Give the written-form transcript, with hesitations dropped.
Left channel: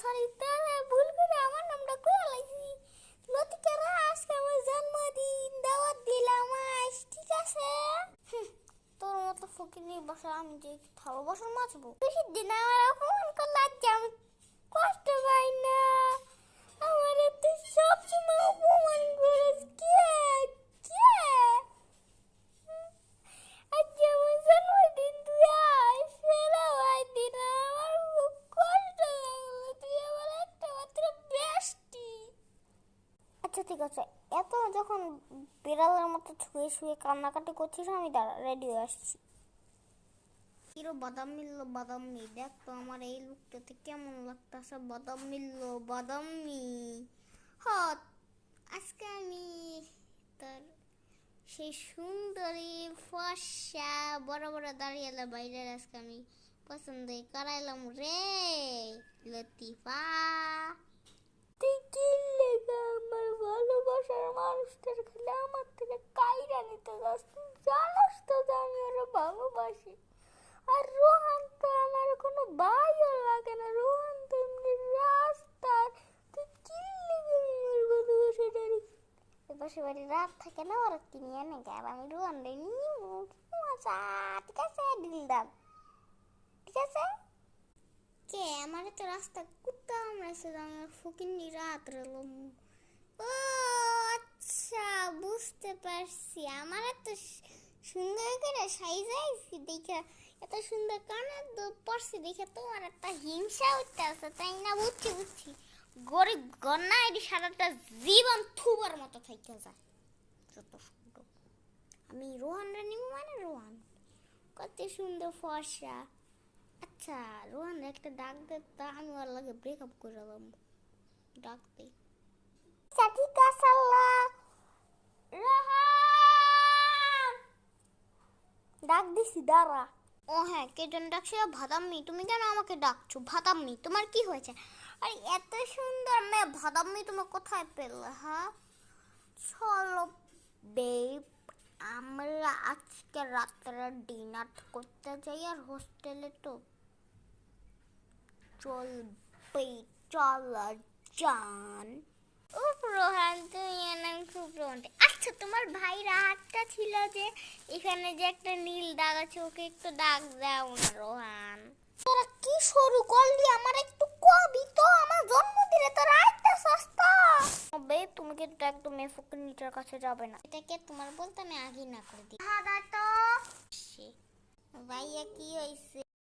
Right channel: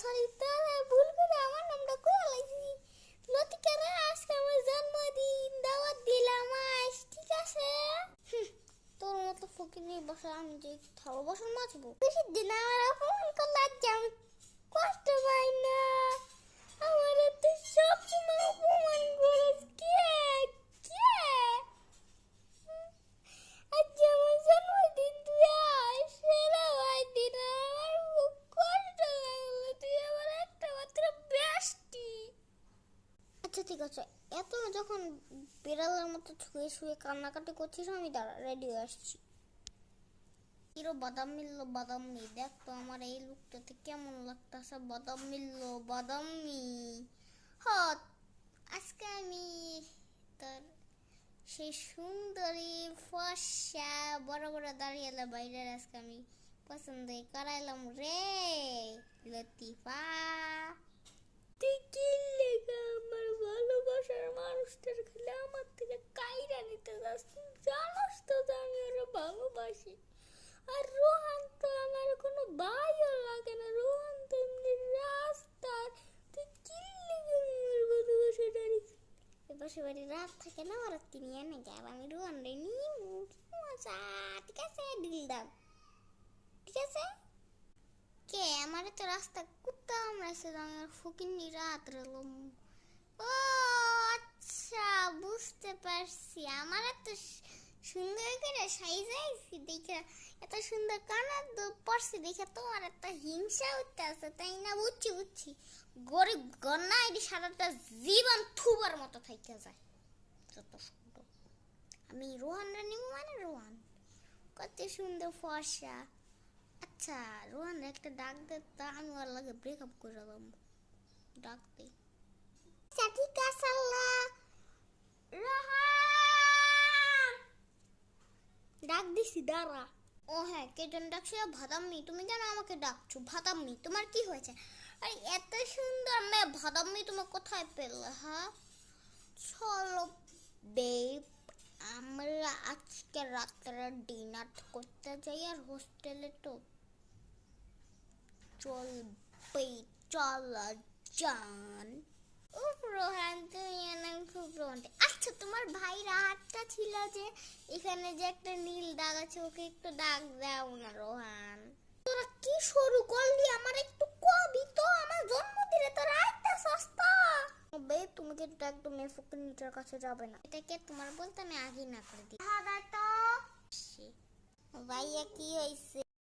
Sorry তাহলে ভুল করে আমার নামটা কইয়া লাইছি। লতিকা আজকে আমার জন্মদিন, দাওয়াত দিলাম আজ, ঠিক আছে? তোর মতো ফকিনি বসে আমি যে থালো বসন মাছবো, বেশি দিন আমার অপমান করলে আজকে আমি কষ্ট পাই না। আমার তুই সবসময় অপমান করিস, কে কে? আজকে আমার জন্মদিন, তুই আয় সেরা ভাই দিন, আমার খুব কষ্ট লাগলো, তুই আমার একটা মাত্র বেস্টি। আচ্ছা ঠিক আছে, এত যখন বিড়ালের মতো শুয়ে শুয়ে কান্নাকাটি করছিস, আমি দাঁড়া রেডি হয়ে আসছি। কিরো বাদাম মিললো, বাদাম মি দেখ তো আমার এই লুকটাতে কেমন লাগতেছে। বাদাম মিললো, বাদাম মি। হ্যাঁ, আজকে আমি তার সেই সুন্দরী ফর্সা বড় বড় দাঁড়িয়ে বাইরে আজকে আমি পছন্দ করাইলাম রে লতিফা। তুই কি লেগে আমার ভালোবাসার মানুষটার খেলে আমার থেকে কাইরা নিতে যাস? তুই জানাস তো যে আমি ওরা ভালোবাসি। আর রোহান তো আমার কোনো ভাইও লাগে না, রোহান তো এমনি রাস্তার। তুই কি লেগে আমার ভালোবাসাটার পাশে বাড়ি রাত থাকে না, ওরা তিনি এনে আর আমি রোহান রে নিব। মজা, ঠিক আছে দিলদার, ঠিক আছে? কে আমার তো রাস্তা কুত্তা কামড়াইছে, আমার ফকিন্নি রাত রেলম। ও আচ্ছা, বুঝতে পারছি। আমার এত সুন্দর করে সাইজাইছি দেখে, এত সুন্দর কানের দুল পরছি দেখে তোমার একটা হিংসা উঠতে আছে, তাই না? বুঝছি বুঝছি, গরিব গন্না এটি সারাটা জীবন থুবার মতো থাইকে যায়। যত সুন্দর আমি রোহান রানিব, মানে রোহান কত সুন্দর ফর্সা। আচ্ছা রোহান একটা ডাক দে, তা আমি ওর লাগে ব্রেকআপ করে দিলাম। ডাক দে। আচ্ছা ঠিক আছে রোহান, ডাক দিছি দাঁড়া। ও হ্যাঁ, কে জন ডাকছে? ভাদাম্মি। তুমি কেন আমাকে ডাকছো ভাদাম্মি? তোমার কি হয়েছে? আরে এত সুন্দর মেয়ে ভাদাম্মি তুমি কোথায় পেলে? হ্যাঁ চলো বেব, আমরা আজকে রাত্রে ডিনার করতে যাই আর হোস্টেলে তো চলবে। চলো জান। উফ রোহান, তুমি এমন খুব রোমান্টিক। আচ্ছা তোমার ভাই রাতটা ছিল যে এখানে যে একটা নীল দাগ আছে, ওকে একটু দাগ দাও না রোহান। তোরা কি শুরু করলি? আমার একটু কবি তো, আমার জন্মদিনে তোরা আইতে সস্তা। বে তুমি কিন্তু একদম এই ফকিন্নিটার কাছে যাবে না, এটাকে তোমার বলতে আমি আগে না করে দিই। হ্যাঁ তো ভাইয়া কি হয়েছে?